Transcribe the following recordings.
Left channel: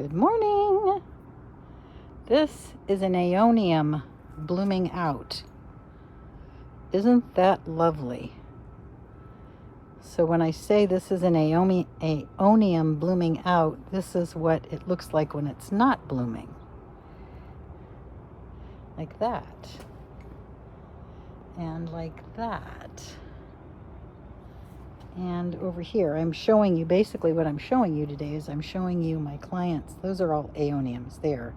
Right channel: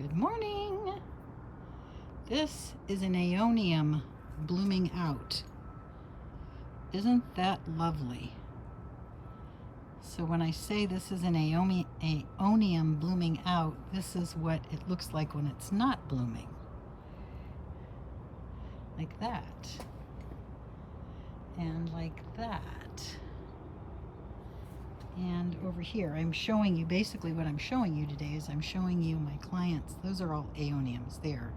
Good morning. This is an aeonium blooming out. Isn't that lovely? So when I say this is an aeonium blooming out, this is what it looks like when it's not blooming. Like that. And like that. And over here, I'm showing you, basically what I'm showing you today is I'm showing you my clients. Those are all aeoniums there.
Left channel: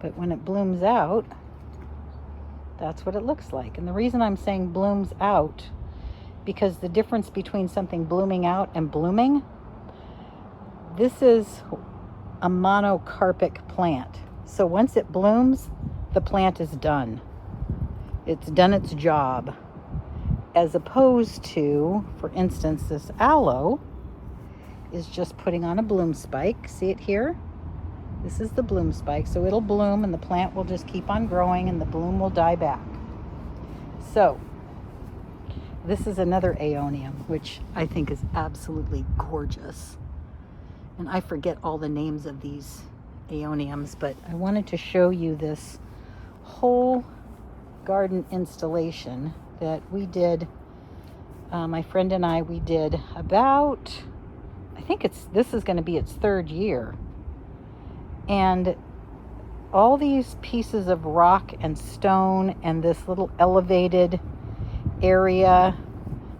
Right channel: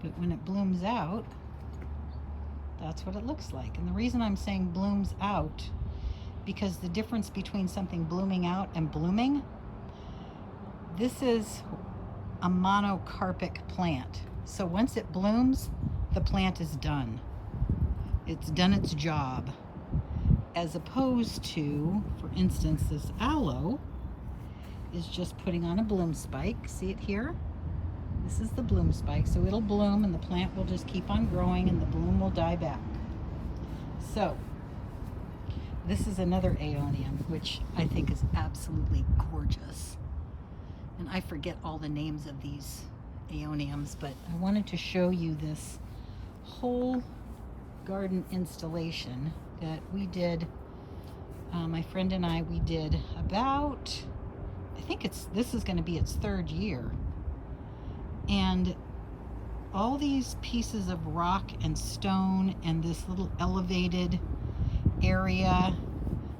But when it blooms out, that's what it looks like. And the reason I'm saying blooms out, because the difference between something blooming out and blooming, this is a monocarpic plant. So once it blooms, the plant is done. It's done its job. As opposed to, for instance, this aloe is just putting on a bloom spike. See it here? This is the bloom spike. So it'll bloom and the plant will just keep on growing and the bloom will die back. So this is another aeonium, which I think is absolutely gorgeous. And I forget all the names of these aeoniums, but I wanted to show you this whole garden installation that we did, my friend and I, we did about, I think this is going to be its third year. And all these pieces of rock and stone and this little elevated area,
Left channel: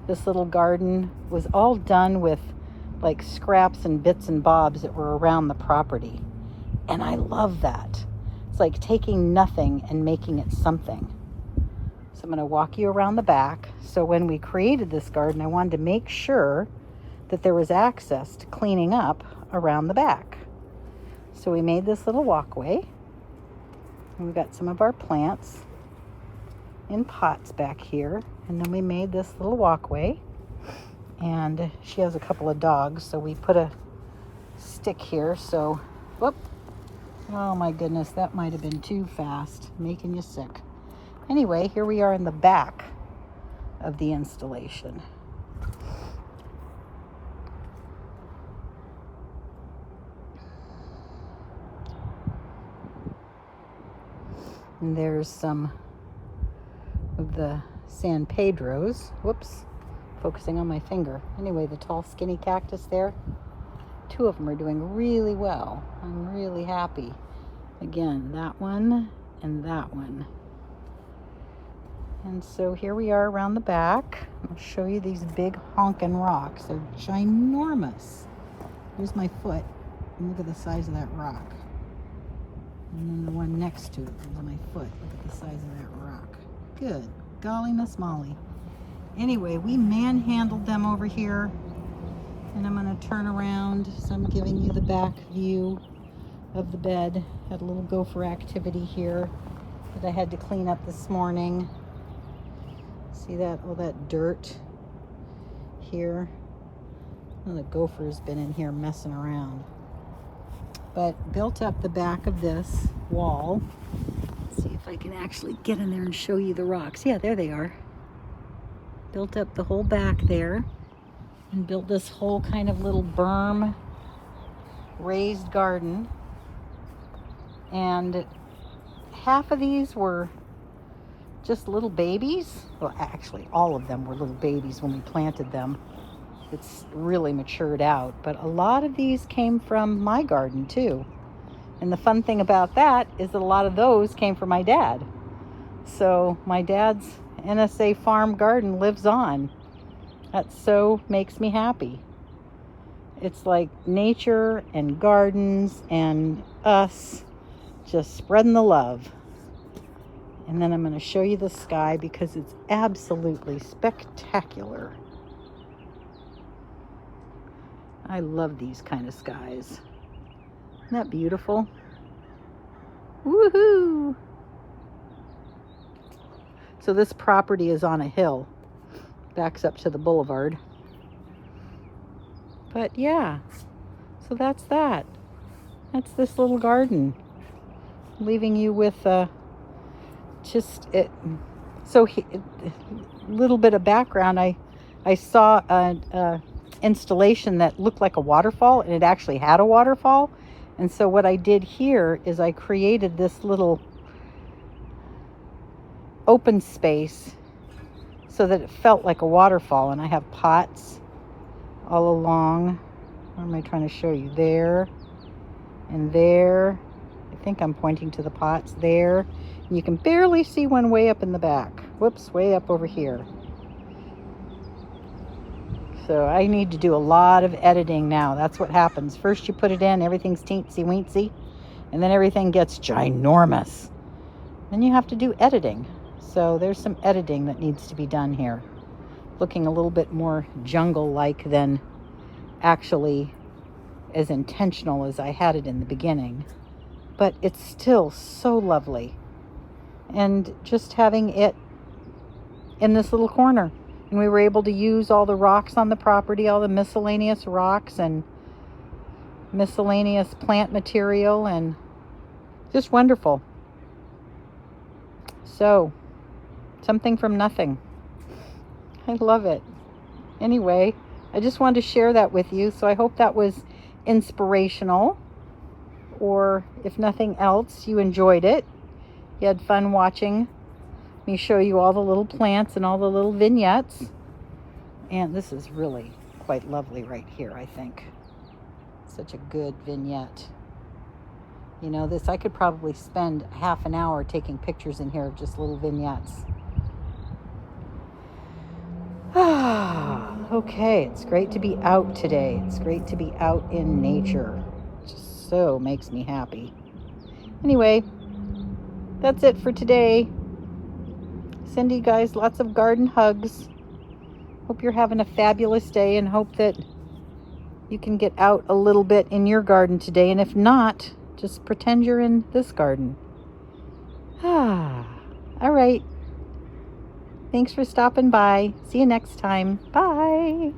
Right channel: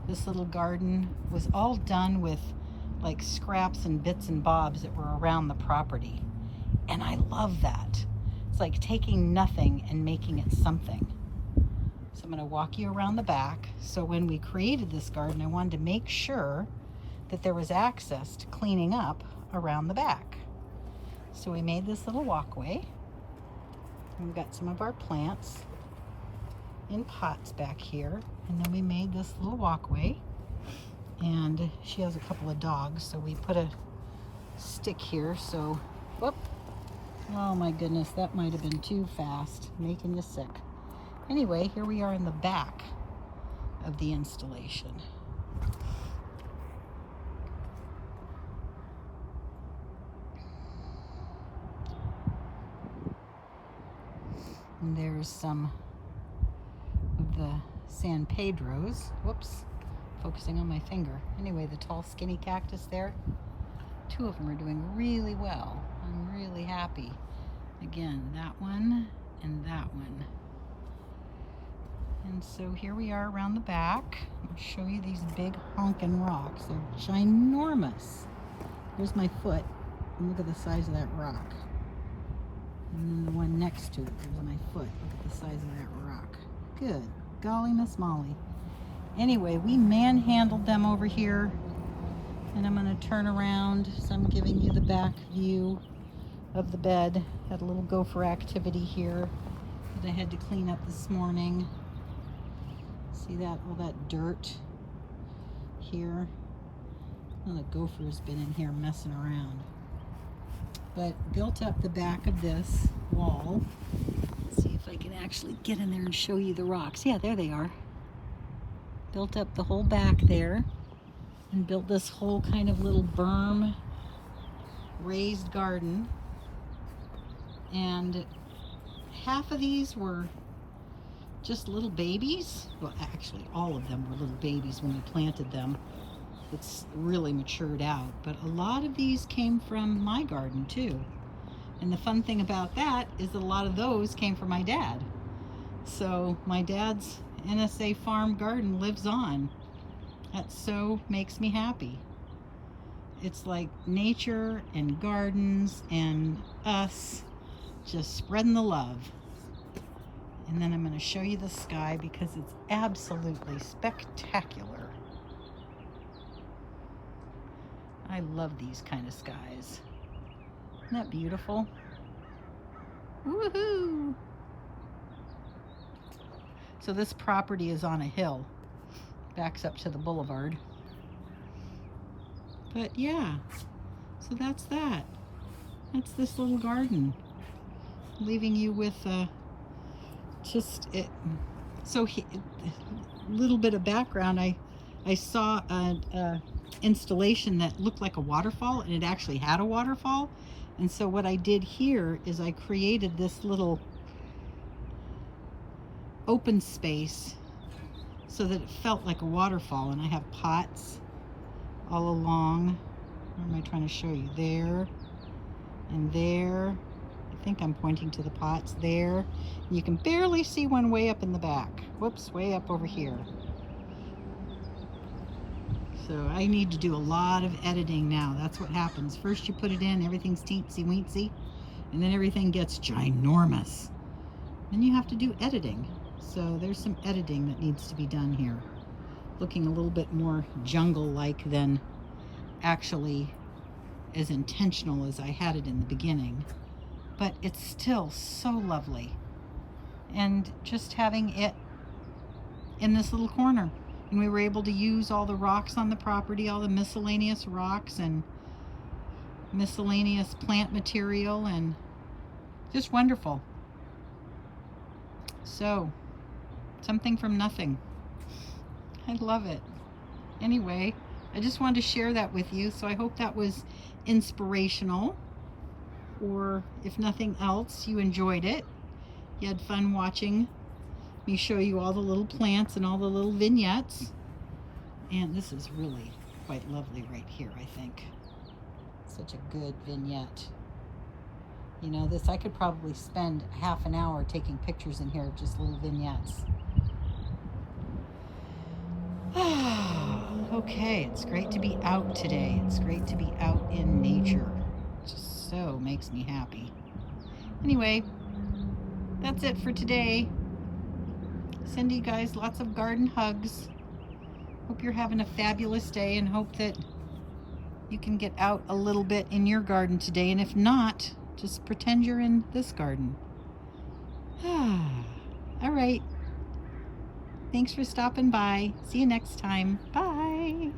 this little garden was all done with like scraps and bits and bobs that were around the property. And I love that. It's like taking nothing and making it something. So I'm going to walk you around the back. So when we created this garden, I wanted to make sure that there was access to cleaning up around the back. So we made this little walkway. And we've got some of our plants in pots back here. And then we made this little walkway. And she has a couple of dogs, so we put a stick here. So, whoop. Oh my goodness, that might have been too fast, making you sick. Anyway, here we are in the back of the installation. And there's some of the San Pedros. Whoops, focusing on my finger. Anyway, the tall skinny cactus there. Two of them are doing really well. I'm really happy. Again, that one and that one. And so here we are around the back. I'll show you these big honkin' rocks. They're ginormous. There's my foot. And look at the size of that rock. And then the one next to it, there's my foot. Look at the size of that rock. Good. Golly, Miss Molly. Anyway, we manhandled them over here. And I'm going to turn around. So I'm giving you the back view of the bed. Had a little gopher activity here that I had to clean up this morning. See that? All that dirt here. Well, the gopher's been in here messing around. But built up the back of this wall. Let's see if I can actually get in there and show you the rocks. Yeah, there they are. Built up the whole back there. And built this whole kind of little berm raised garden. And half of these were just little babies. Well, actually all of them were little babies when we planted them. It's really matured out, but a lot of these came from my garden too. And the fun thing about that is that a lot of those came from my dad. So my dad's NSA farm garden lives on. That so makes me happy. It's like nature and gardens and us just spreading the love. And then I'm going to show you the sky because it's absolutely spectacular. I love these kind of skies. Isn't that beautiful? Woohoo! So this property is on a hill. Backs up to the boulevard. But yeah, so that's that. That's this little garden. Leaving you with just it. So a little bit of background. I saw installation that looked like a waterfall, and it actually had a waterfall. And so what I did here is I created this little open space so that it felt like a waterfall. And I have pots all along. Where am I trying to show you? There and there. I think I'm pointing to the pots there. And you can barely see one way up in the back. Whoops, way up over here. So I need to do a lot of editing now. That's what happens. First you put it in, everything's teensy weensy, and then everything gets ginormous. Then you have to do editing. So there's some editing that needs to be done here. Looking a little bit more jungle-like than actually as intentional as I had it in the beginning. But it's still so lovely. And just having it in this little corner. And we were able to use all the rocks on the property, all the miscellaneous rocks and miscellaneous plant material, and just wonderful. So, something from nothing. I love it. Anyway, I just wanted to share that with you. So I hope that was inspirational. Or if nothing else, you enjoyed it. You had fun watching me show you all the little plants and all the little vignettes. And this is really quite lovely right here, I think. Such a good vignette. You know, this, I could probably spend half an hour taking pictures in here of just little vignettes. Okay, it's great to be out today. It's great to be out in nature. It just so makes me happy. Anyway, that's it for today. Send you guys lots of garden hugs. Hope you're having a fabulous day, and hope that you can get out a little bit in your garden today. And if not, just pretend you're in this garden. All right. Thanks for stopping by. See you next time. Bye.